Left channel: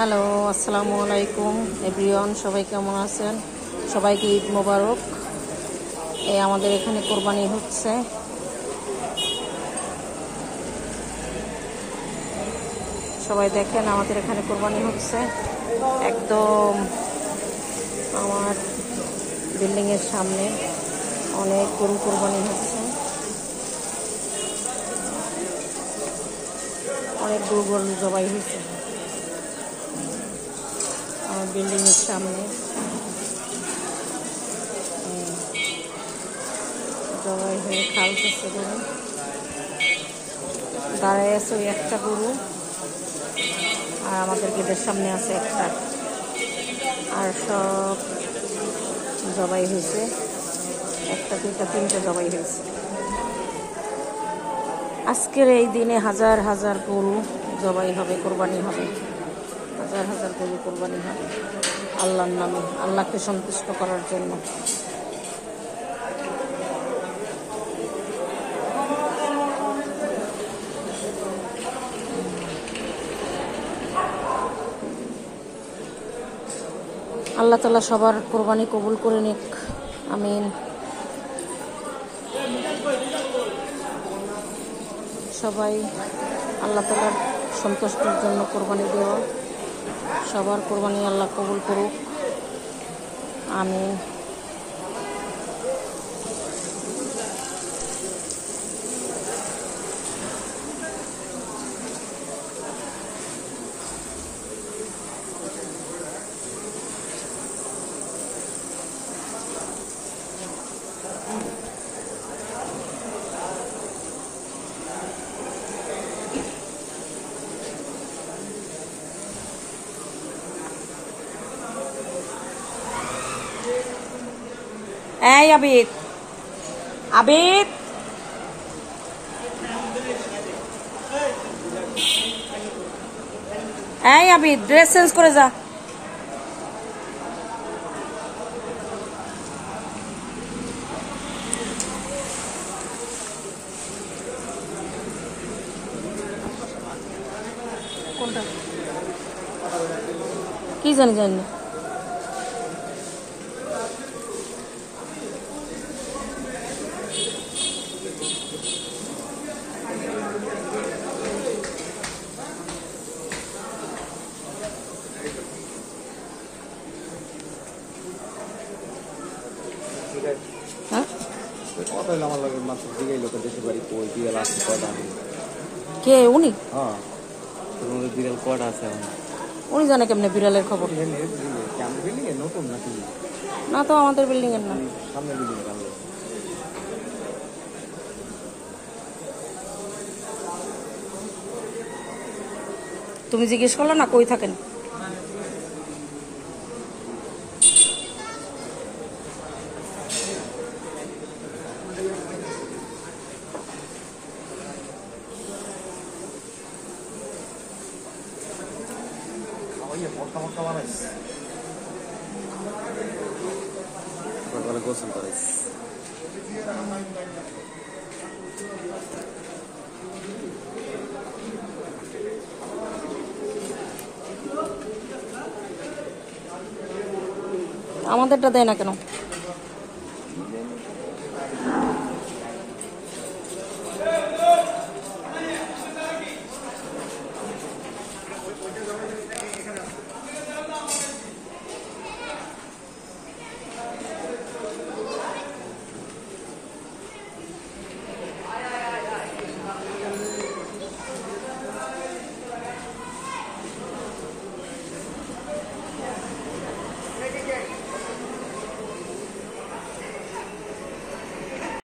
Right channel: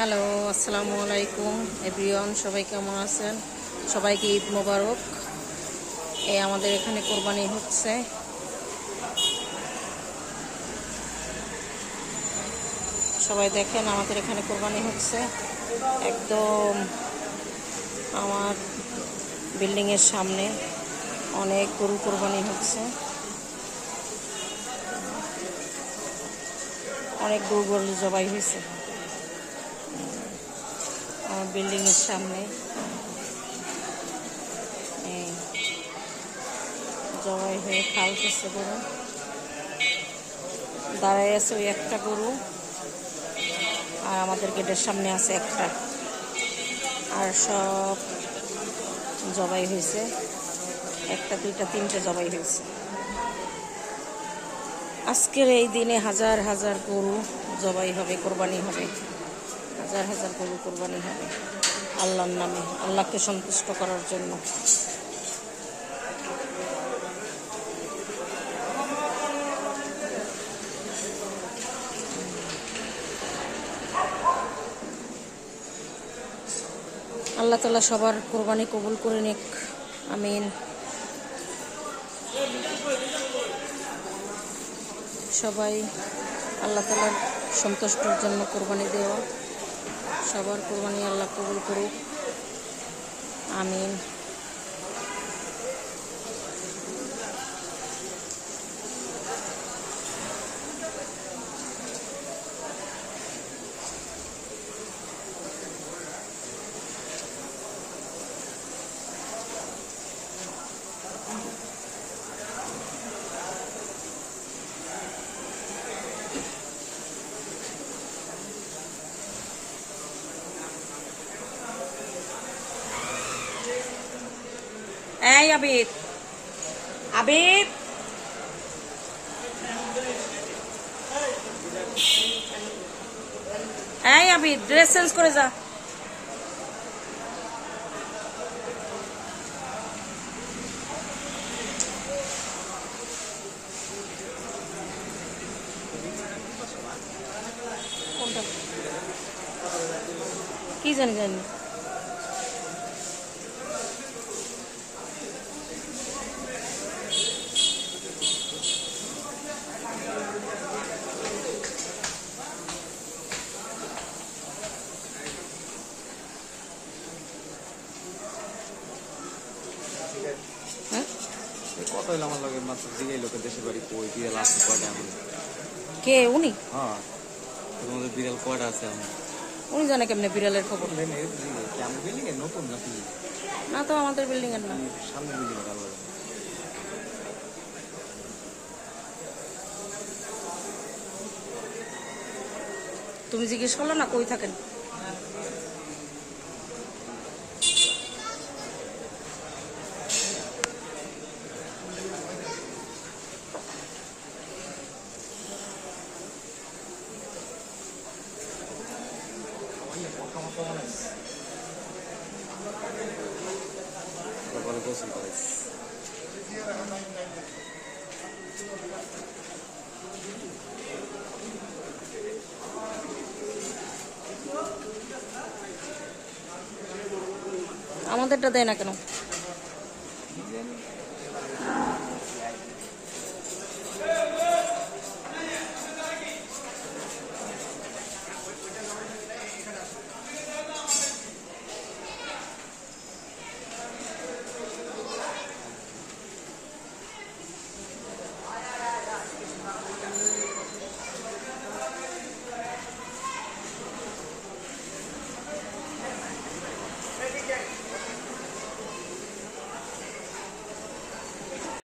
Hello, আসসালামু আলাইকুম everyone. সবাই কেমন আছেন? সবাইকে ঈদ মোবারক। আমাদের এখানে কোরবানি হচ্ছে। সবাই দেখেন, আমাদের এখানে কোরবানি হচ্ছে একদম আমার বিল্ডিংয়ের সামনে। অনেক গরু কোরবানি হচ্ছে, অনেক গরু জবাই হয়েছে আমার বিল্ডিংয়ের সামনে। জবাই হয়ে খালতেছে গরু, দাঁড়ায় আছে ওই একটা গরু, আর আমাদের গেটের সামনে আছে একটা, আর সব জবাই হয়েছে। একটা দুইটা তিনটে জবাই হয়েছে। আজকের এই দিনে হাজার হাজার গরু জবাই হবে, কোরবানি হবে, হাজার হাজার গরু কোরবানি হবে আল্লাহর নামে, আল্লাহকে সন্তুষ্ট করার জন্য। আল্লাহ তাআলা সবার কোরবানি কবুল করে নিক, আমিন। সবাই আল্লাহ তাআলার সন্তুষ্টির জন্য কোরবানি দেওয়া, সবার কোরবানি আল্লাহ কবুল করুক, আমিন। এই আবিদ, আবিদ, এই আবিদ, ড্রেস চেঞ্জ করে যা। কোনটা কি জানি জানি কে উনি? বিড়াল কয়টা আছে? উনি জানে কেমনে বিড়ালের খবর? না তো, আমাদের বিল্ডিং এর না। সামনে তুমি জিজ্ঞেস করলো না কই থাকেন? গোসল করেছ? আমাদেরটা দেয় না কেন?